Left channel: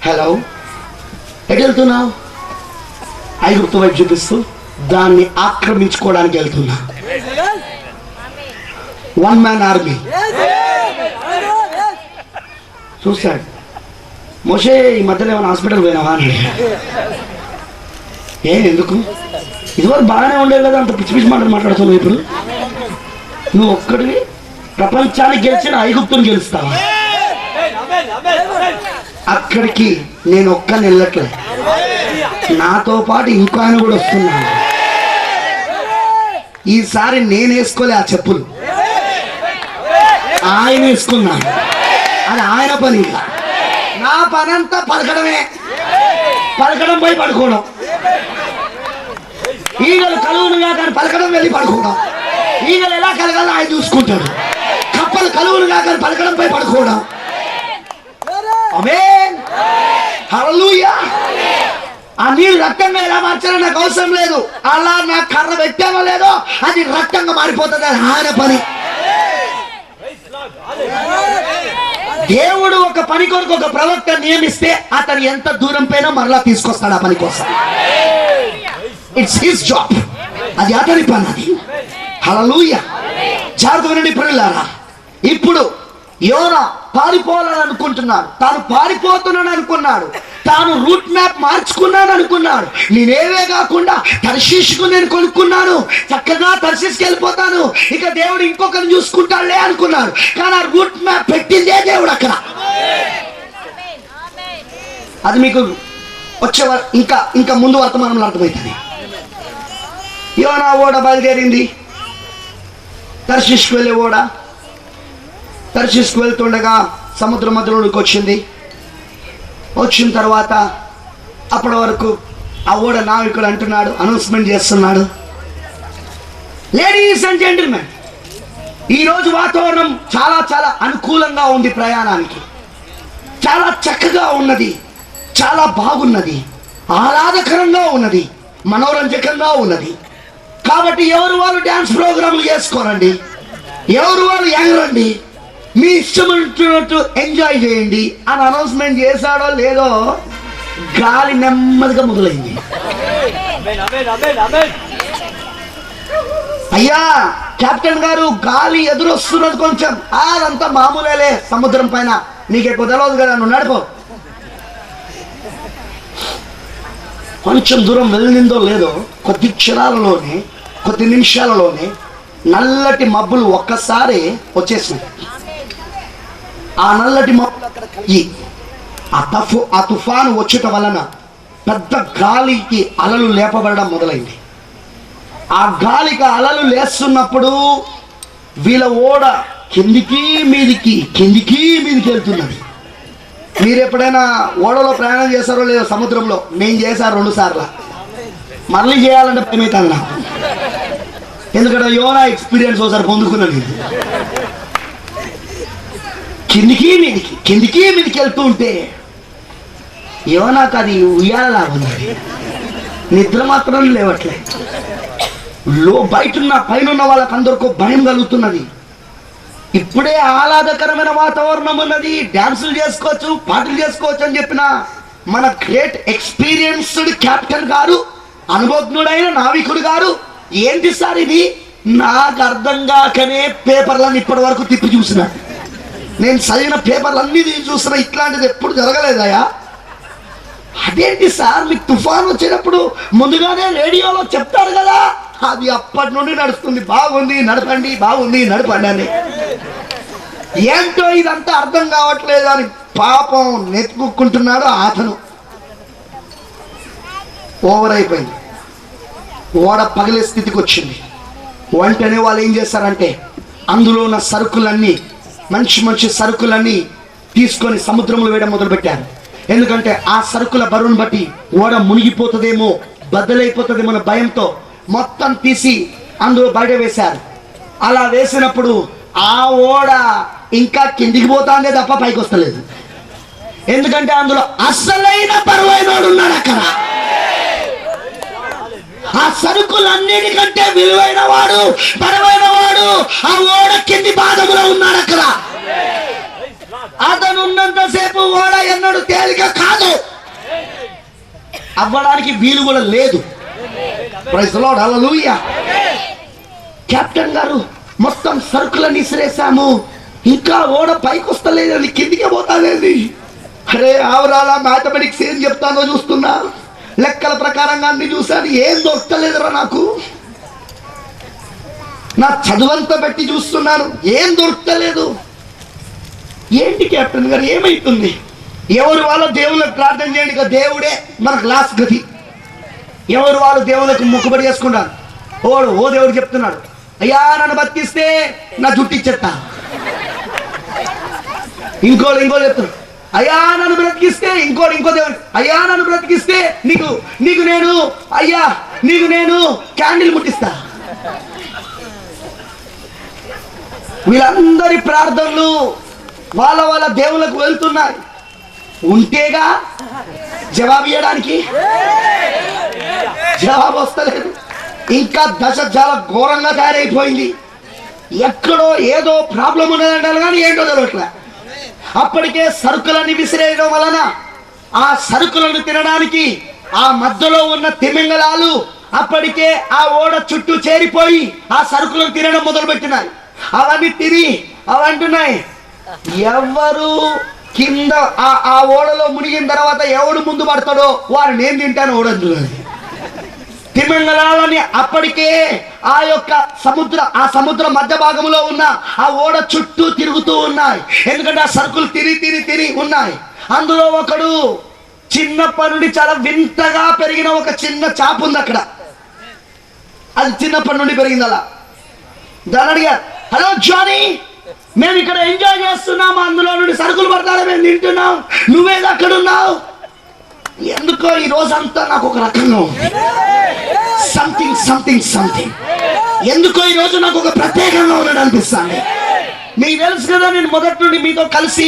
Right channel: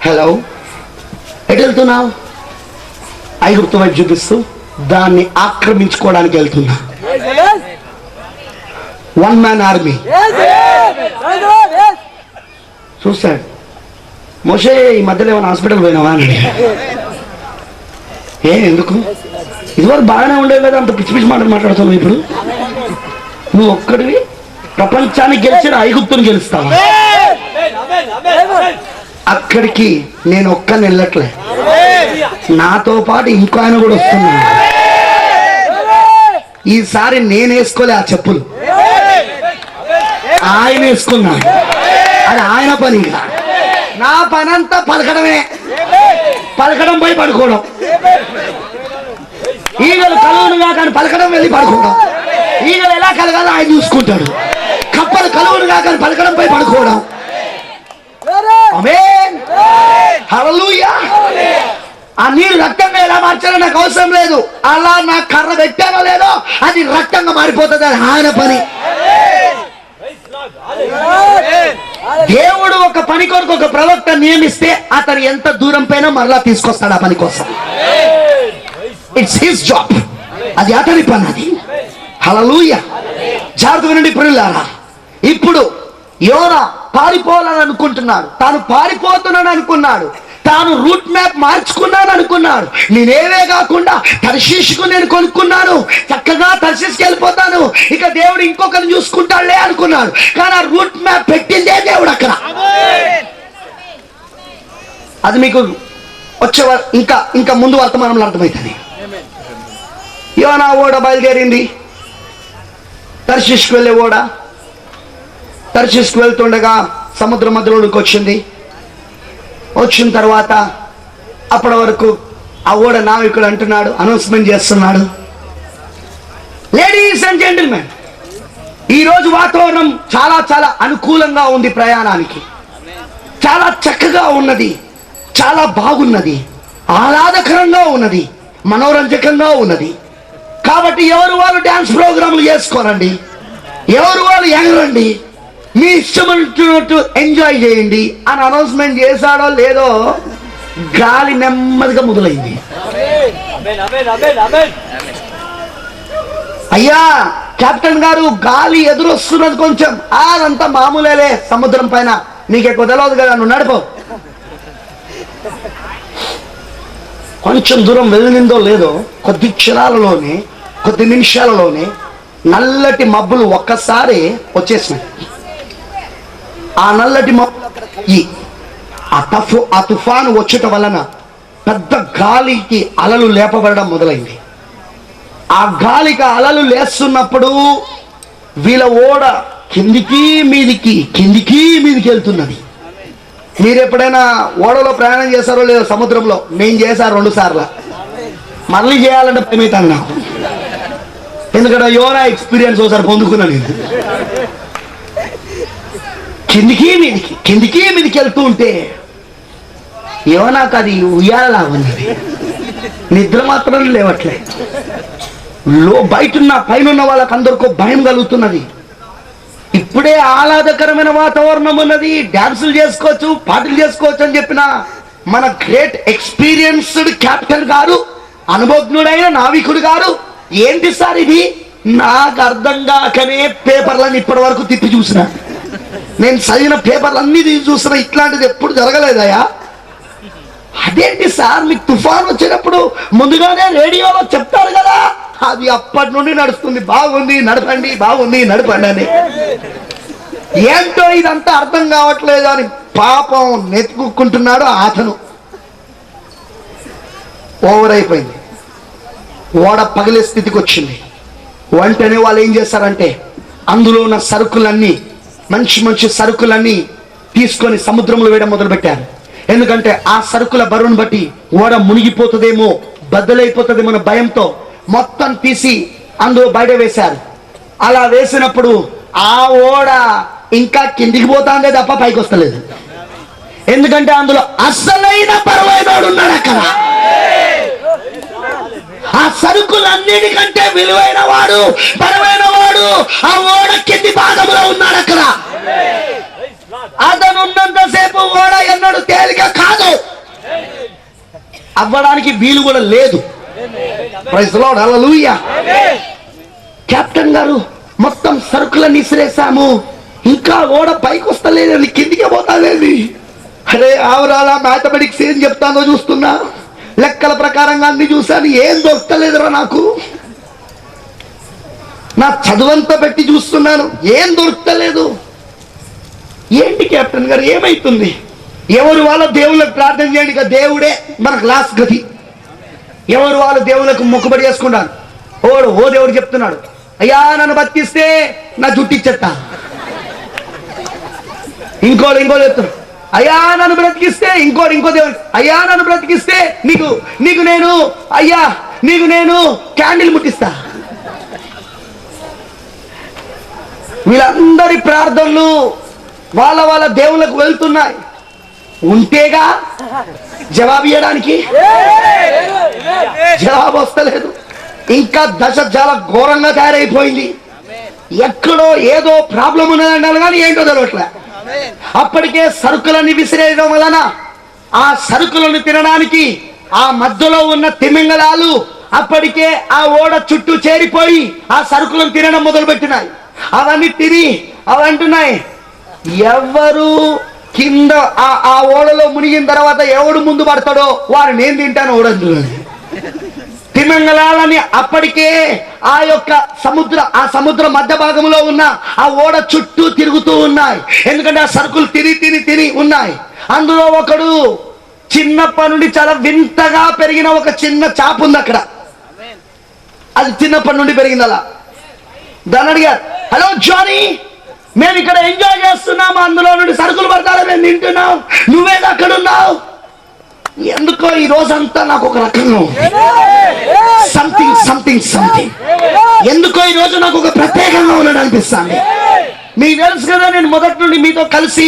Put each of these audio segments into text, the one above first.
Hello ఎటు వెళ్తున్నావు ఐగుప్తు వైపు చూపిస్తూ దాన్ని ఆక్రమించుకోవడానికి వెళ్తున్నా. వన్ మ్యాన్ ఆర్మీ చూస్తాడు మోషే ఈ మధ్యలో ఏమైనా హాస్పిటల్ పోయినావా అని ఏ ఎందుకు? ఇదివరకు బాగానే ఉండేది కదా అంత పిచ్చి పిచ్చి మాటలు మాట్లాడుతున్నావు ఇప్పుడు. నువ్వు ఒక్కడివి ప్రపంచాన్ని గెలిచిన ఐగుప్తుని గెలుస్తావా? అక్కడికి నేను ఒక్కని వెళ్ళట్లే నాతో పాటు ఇంకో ఆయన కూడా వస్తున్నాడు. ఈసారి నేను వేసుకోలే ఆ చెప్పులు. ఆయన వేసుకున్నాడు. అది ఆయన పని నా పని అంతా పలకడమే. పలకడం పోయి పడుకోవడం. ఈగలు కలువునుగా కానీ పలకడం వెళ్ళి పడుకోవడం. ఈగలు ఎలా కలగాలో ఆయన చూసుకుంటాడు. కప్పలు కలువునుగా కానీ పలకడం పోయి పడుకోవడం. అమే! హల్లెలూయా. ఆ నీరు రక్తంగా ఎలా మార్చాలో నాకు అవసరం లేదు. అలా నా కర్ర పెట్టానో లేదో అది రక్తంగా మారిపోతుంది అని ఆయన పని. దేవుడు ఒక పని కొరకు ఒక ప్రవక్త నియమిస్తే అతను ఎంత దూరం పైన మరలా తీసుకొస్తాడు ఆ పని కోసం. ఇట్స్ హిస్ జాబ్ అది అతని పని అది. హలలుయ జాగ్రత్త నుండి ఇప్పుడు యోనా పారిపోవాలని అనుకుంటున్నాడు. తాను పారిపోతున్నాను అనుకున్నాడు. తాను రూట్ మ్యాప్ మార్చుకున్నాను అనుకున్నాడు. నేనేవే కాకుండా దర్శించుకు నేను కొనుక్కున్నాను. చక్కగా తర్శీస్కి వెళ్ళిపోతాను. ఇక దేవుడు ఇంకొకరిని చూసుకుంటాడులే అనుకున్నాడు. కానీ ఆ రూట్ మ్యాప్ పెట్టిందే దేవుడు అక్కడ. అది మీకు వచ్చే ఇంకా ఇంకా ముందు వర్తమానంలో అర్థమవుతుంది యోనా ఓడ బయలుదేరింది. దర్శించుకు వెళ్ళే ఓడ. తర్శిష్కు వెళ్తుండగా సముద్ర మధ్యలోనికి వచ్చింది. వచ్చిన తర్వాత అప్పటి వరకు ఆ ఓడ నావికుడు అంటున్నాడు అనౌన్స్మెంట్ చేస్తున్నాడు. లేడీస్ అండ్ జెంటిల్మెన్ ఈరోజు వాతావరణం చాలా చాలా అనుకూలంగా ఉంది ప్రయాణానికి. చాలా చక్కగా ఉన్నది చాలా బాగున్నది ఆహ్లాదకరంగా ఉన్నది మనోరంజకంగా ఉన్నది. కాబట్టి ఎవరు వాళ్ళు డ్యాన్స్ ప్రోగ్రాంలు చేసుకోరండి? ఎవరు వాళ్ళు ఎగరండి? మీ ఇష్టమైనట్టు ఎంజాయ్ చేయండి. అని అనౌన్స్మెంట్ చేశాడో లేదో గాలి నెమ్మదిగా మొదలైంది. అయ్యా కెప్టెన్ గారు గాలి ఎదురొస్తున్నది కొంచెం. అదంతా మామూలేలే సముద్రం పైన. నీకు ఎక్కువ తెలియదు కదా నువ్వు నడుపు. కొంచెం దూరం వెళ్ళిందో లేదో కొద్ది క్షణాలలోనే కొద్ది నిమిషాలలోనే నల్లటి మబ్బులు ఒక్కసారి వచ్చేసినాయి. ఆ నల్లటి మబ్బులు అక్కడ కలిగి. ఆ తఫు ఆ తుఫాను వచ్చట వలన పెద్ద గాలికి అలలు లేపబడడం మొదలైంది. ఆ గాలికి అలలు లేస్తున్నప్పుడు వీళ్ళ ఓడ కిందికి మీదికి కిందికి మీదికి వెళ్తున్నది. మీరు ఎప్పుడైనా ఓడలో ప్రయాణం చేశారో లేదో సముద్రంలో నేను చేశాను రెండు సార్లు. మళ్ళీ చేయాలంటే భయమవుతాను నాకు. ఎందుకంటే యోనా ఎక్స్పీరియన్స్ ఒకసారి పొందుకున్నాను కిందికి మీదికి కిందికి మీదికి వెళ్తూ ఉంటే నాకు అది ఉయ్యాలలా ఉన్నది నిద్ర మాత్రం లేవట్లే. లో బయట ఉన్న పైన ఉన్న వాళ్ళకి అందరికో భయం కలుగుతున్నది. ఇప్పుడే ఆహ్లాదకరమైన వాతావరణం ఉన్నది. డాన్సులు చేసుకోవచ్చు పాటలు చేసుకోవచ్చు అని చెప్పిన మన గ్రేట్ ఎక్స్పీరియన్స్డ్ క్యాప్టెన్ గారు అనుభవజ్ఞుడైన నావికుడు గారు ఏంటి సార్ ఇది? నాకు అర్థం కాకనే పేపర్లను ఇప్పటి వరకు తిప్పి చూసినా. నేను చదివిన పేపర్లు అన్ని తీసి చూస్తున్నా ఇట్లాంటిది ఎప్పుడు జరగలేదయా అదేంటి సార్ మీకు తుఫాన్ వచ్చేటప్పుడు ముందుగానే రేడియోలో చెప్తారు కదా? అది అప్పటి నుండి నడుస్తుంది. బాగుంది నడపండి బాగుంది నడపండి అని. ఏంటో ఇదంతా అర్థం కావట్లేదు అని పాపం నెత్తుకుంటున్నాడు అతను. ఓవర్ అయిపోయింది. ఓడ పగిలే స్థితికి వచ్చింది. వెంటనే వాళ్ళు ఏం చేస్తారంటే అందులో ఉన్న సరుకులన్నీ మంచి మంచి సరుకులన్నీ తీసుకొని సముద్రంలో వేయడం మొదలుపెట్టారు. ఎందుకంటే ఆ సరుకుల బరువును బట్టి ఓడ మునిగిపోతుందేమో బద్దలైపోతుందేమో అనే భయంతో మొత్తం తీసి అందులో బయట వేశారు. అలా వేసినప్పుడు ఆ ఓడ ఇంకా కిందికి పోతాందే తప్ప పైకి వస్తలేదు. ఎందుకంటే అందులో అసలైన పరమైనోడు ఉన్నాడు అక్కడ. ఆ సరుకులన్నిటికంటే విలువైన వాడు బలమైన వాడు ఆ ఓడ కింది భాగంలో ఉన్నాడు అక్కడ. అతను ఉన్నంతసేపు ఓడ ఎన్నడు తేలిక కాదు. అవ్వడానికి వీలు కూడా లేదు. కెప్టెన్ గారు మొత్తం సరుకులన్నీ ఇసిరేసాము ఇంకా ఓడ పైకి వస్తలేదని కిందికి పోతాదేది? అరే ఆవరాలా మ్యాథమెటిక్స్ ఏం చెప్తానో చూస్తున్నా. లెక్కల ప్రకారంగా అన్ని చూశాను. ఏం దొరకలేదురా నాకు. నా చదువంతా పెట్టి చూస్తున్నాను. ఏం దొరకలేదు. ఏంటి కెప్టెన్ గారు? ఏమైతుంది? ఎవరు వాళ్ళ దేవుళ్ళకి ప్రార్థన చేయండి దేవుడే మనకు లాస్ట్ గతి ఎవరు వాళ్ళు దేవులకు మొక్కుబడి చేసుకున్నారు ఓడు ఓ దేవుడు చెప్తున్నాడు అయ్యా నన్ను బతికిస్తే నా జుట్టు ఇంకోళ్ళు ఇంకోళ్ళు చెప్తున్నాడు అయ్యా నన్ను బ్రతికిస్తే ఇంకోటి ఇంకో దేవుడు. అయ్యా నన్ను బ్రతికిస్తే నీకు నీకు నేను అయ్యా నీకు నేను క్యాండిల్ ముట్టిస్తా. వీళ్ళందరి ప్రార్థనలు వాళ్ళ వాళ్ళ దేవుళ్ళకు వెళ్తున్నాయి. ఉంటేగా జవాబు ఇవ్వడానికి జవాబు వస్తలేదు. ఇంకా దశ చాలా ఘోరంగా తయారైపోయింది. ఎక్కడో ఏదో ప్రాబ్లం ఉన్నదంటారు కానీ ఏంటో తెలియట్లే అప్పటికే సరుకులని విసిరేయడం వలన ఆ సరుకులను తినడానికి ఆ మధ్యలో ఉన్న తిమింగళాలు అప్పటికే ఆ ఓడ చుట్టూ చేరిపోయి ఆ సరుకులను తినడం మొదలుపెట్టినాయి. అవన్నీ తిని అవి అంటున్నాయి ఎవరు కింద ఆ ఓడలో మునిగిన తర్వాత ఎవడు ముందు పడతాడో వారు నేను తింటాను ఓడంటున్నది తిమింగళాలని అప్పటికే ఆ యొక్క సముద్ర ఆ సముద్ర మధ్య భాగంలో ఉన్న ఆ ఓడ చుట్టూ తిరుగుతూ ఉన్నాయి. ఎందుకంటే ఆ సరుకులు తిరిగి తిరిగి తిరిగి ఉన్నాయి. అందులో ఒకడు చిన్నప్పటి నుండి చాలా వింతగా పెరిగిన ఒక చిన్న చాప ఉంది అక్కడ. అది చిన్నప్పటి నుండి పెరిగింది అలా. దాని అడిగారు హలో జానీ మేము ఇక్కడ ఎంజాయ్ చేస్తున్నాము. అందులో నుండి సరుకులు పడతారా మేము తింటున్నాం. నువ్వేది అక్కడ ఉన్నావు? ఎందుకో ఈ రోజంతా నాకు ఒక రకంగా సంథింగ్ సంథింగ్ ఎందుకో ఈ రోజు నాకు ఒక ప్రత్యేకంగా ఉన్నట్టు అనిపిస్తాను మీకు తెలుసు కదా నేను మొదటి నుండి మీతో కలిసి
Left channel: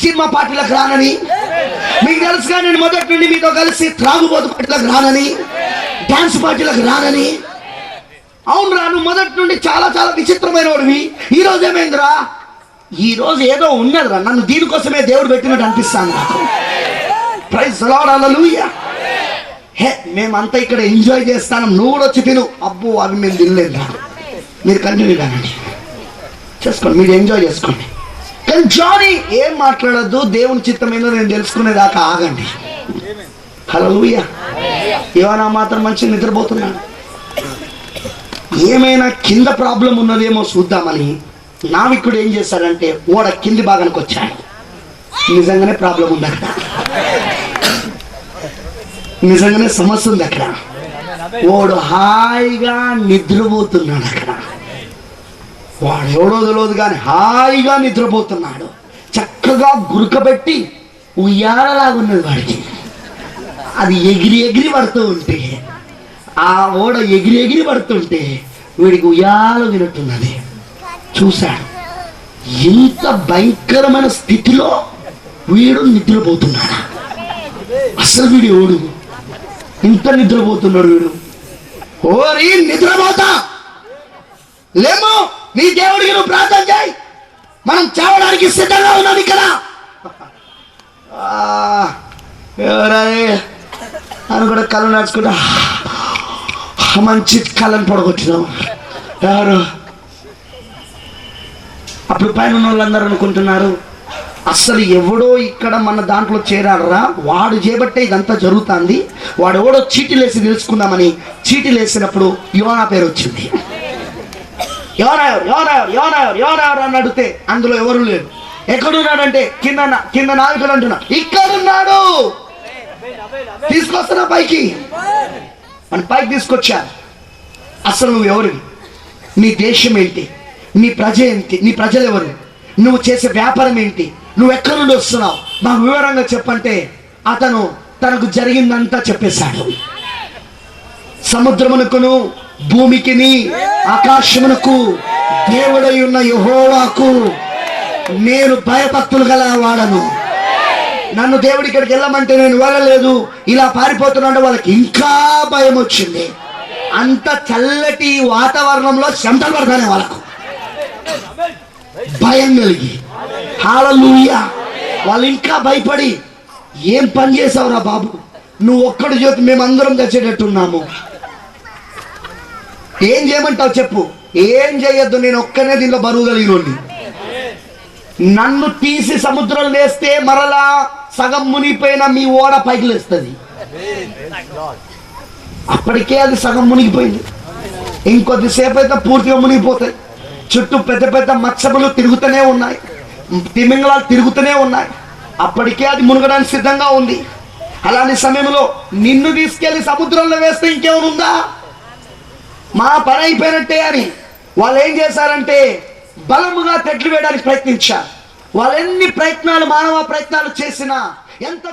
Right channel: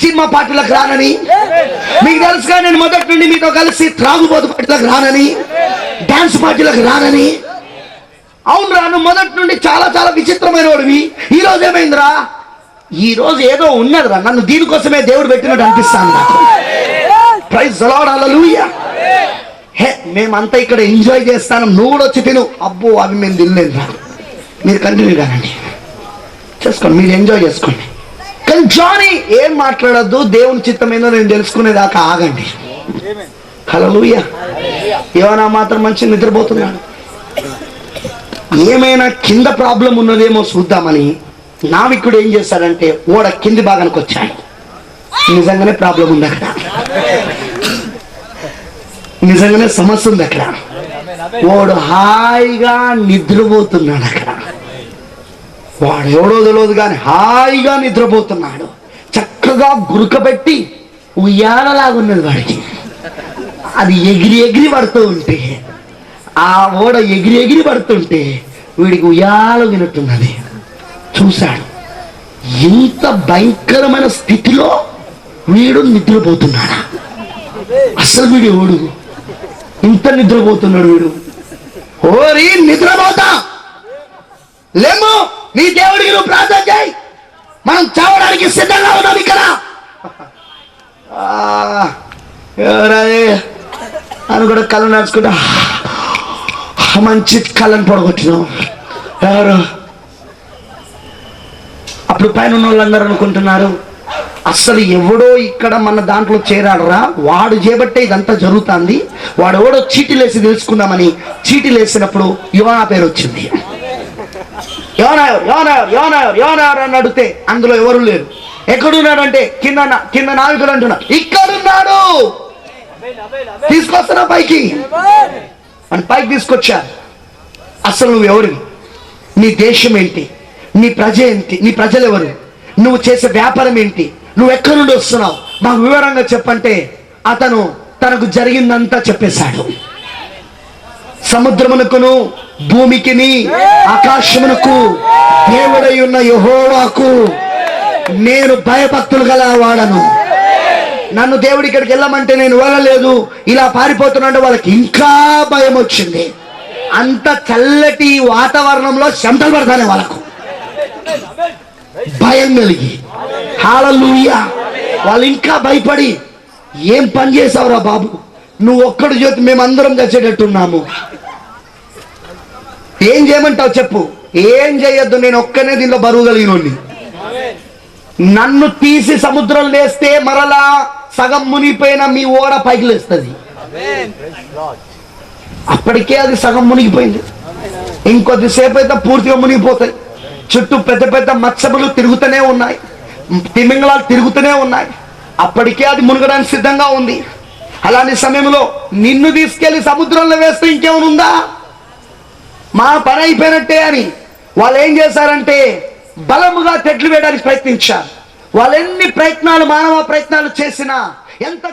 సినిమా పార్టీలకు రానని. మీకు తెలుసు కదా నేను మొదటి నుండి మీతో కలిసి త్రాగుబోతు పార్టీలకు రానని డాన్స్ పార్టీలకు రానని. అవును రా నువ్వు మొదటి నుండి చాలా చాలా విచిత్రమైన వాడివి ఈ రోజు ఏమైందిరా? ఈ రోజు ఏదో ఉన్నదిరా నన్ను దీనికోసమే దేవుడు పెట్టినట్టు అనిపిస్తాను నాకు ప్రైజ్ హల్లెలూయా హే మేమంతా ఇక్కడ ఎంజాయ్ చేస్తాను. నువ్వు కూడా వచ్చి తిను. అబ్బో అవి మేము తినలేదు మీరు కంటిన్యూ కానండి. చేసుకోండి మీరు ఎంజాయ్ చేసుకోండి. కానీ జానీ ఏం మాట్లాడద్దు. దేవుని చిత్తం ఏందో నేను తెలుసుకునేదాకా ఆగండి. హలోయ ఏమైనా మాత్రం మంచి నిద్రపోతున్నాడు ఏమైనా కింద ప్రాబ్లం ఉన్నదేమో చూద్దామని నావికుడు ఏం చేశాడంటే ఓడ కింది భాగానికి వచ్చాడు. నిజంగానే ప్రాబ్లం ఉంది? నిజంగానే సమస్య ఉంది అక్కడ. వాడు హాయిగా నిద్రపోతున్నాడు అక్కడ. వాడు ఎవడో తెలియదు కానీ హాయిగా నిద్రపోతున్నాడు. చక్కగా గురుకబెట్టి ఉయ్యాలలాగున్నది వాడికి. అది ఎగిరి ఎగిరి పడుతూ ఉంటే ఆ ఓడ ఎగిరి ఎగిరి పడుతుంటే వీడికి ఉయ్యాల వినట్టున్నది చూశాడు. ఇంత భయంకరమైన స్థితిలో వీడు నిద్రపోతున్నాడా? అసలు వీడు ఓడు ఇంత నిద్రపోతున్నాడు వీడు. ఓరి నిద్రపోతా. లేమో నీ దేవుడికి నువ్వు ప్రార్థన చేయి. మనం చావడానికి సిద్ధంగా ఉన్నాం ఇక్కడ. ఎవరది? అని కూడా కళ్ళు నడుచుకుంటా. మంచి కళ్ళని పడగొచ్చినాం ఎవరు? అప్పుడు పైన ఉన్న వాళ్ళందరూ అనుకుంటున్నారు. అస్సలు ఎవడో ఇక్కడ మన దాంట్లో చేరాడరా? వాడు చేపట్టే ఇదంతా జరుగుతుంది. వాడు ఎవడో చీటీలేసి తెలుసుకుందామని చీటీలేసినప్పుడు యువనా పేరు వచ్చింది. ఎవరాయరు ఎవరాయరు ఎవరాయరు ఎవరాయరు అని అడిగితే అందులో ఎవరు లేరు. ఎక్కడున్నాడు అంటే కింద కింద నాయకుడు అంటున్నా ఇక్కడున్నాడు! తీసుకొస్తున్నా పైకి. అని పైకి తీసుకొచ్చా? అసలు నువ్వు ఎవరు నీ దేశం ఏంటి? నీ ప్రజ ఏంటి? నీ ప్రజలు ఎవరు? నువ్వు చేసే వ్యాపారం ఏంటి? నువ్వు ఎక్కడి నుండి వస్తున్నావు? మాకు వివరంగా చెప్పంటే అతను తనకు జరిగిందంతా చెప్పేశాడు. సముద్రమునకును భూమికిని ఆకాశమునకు దేవుడై ఉన్న యహోవాకు నేను భయభక్తులు గల వాడను. నన్ను దేవుడి ఇక్కడికి వెళ్ళమంటే నేను వెళ్ళలేదు. ఇలా పారిపోతున్నాడు వాళ్ళకి ఇంకా భయం వచ్చింది. అంత చల్లటి వాతావరణంలో చెమటలు పడతానే వాళ్ళకు. భయం కలిగి. హాలూయ వాళ్ళు ఇంకా భయపడి ఏం పని చేసావురా బాబు? నువ్వు ఒక్కడు చేతి మేమందరం చచ్చేటట్టున్నాము ఏం చేయమంటావు చెప్పు? ఏం చేయొద్దు? నేను ఒక్కనే దీంట్లో బరువు కలిగినోడిని. నన్ను తీసి సముద్రం లేస్తే మరలా సగం మునిగిపోయిన మీ ఓడ పైకి లేస్తుంది. అప్పటికే అది సగం మునిగిపోయింది. ఇంకొద్దిసేపు అయితే పూర్తిగా మునిగిపోతాయి. చుట్టూ పెద్ద పెద్ద మత్సములు తిరుగుతూనే ఉన్నాయి. తిమింగళాలు తిరుగుతూనే ఉన్నాయి. అప్పటికే అది మునగడానికి సిద్ధంగా ఉంది. అలాంటి సమయంలో నిన్ను తీసుకెళ్ళి సముద్రంలో వేస్తే ఇంకేముందా మా పని అయిపోయినట్టే అని. వాళ్ళు ఏం చేశారంటే బలముగా తెడ్లు వేయడానికి ప్రయత్నించారు. వాళ్ళు ఎన్ని ప్రయత్నాలు మానవ ప్రయత్నాలు చేసినా ఎంత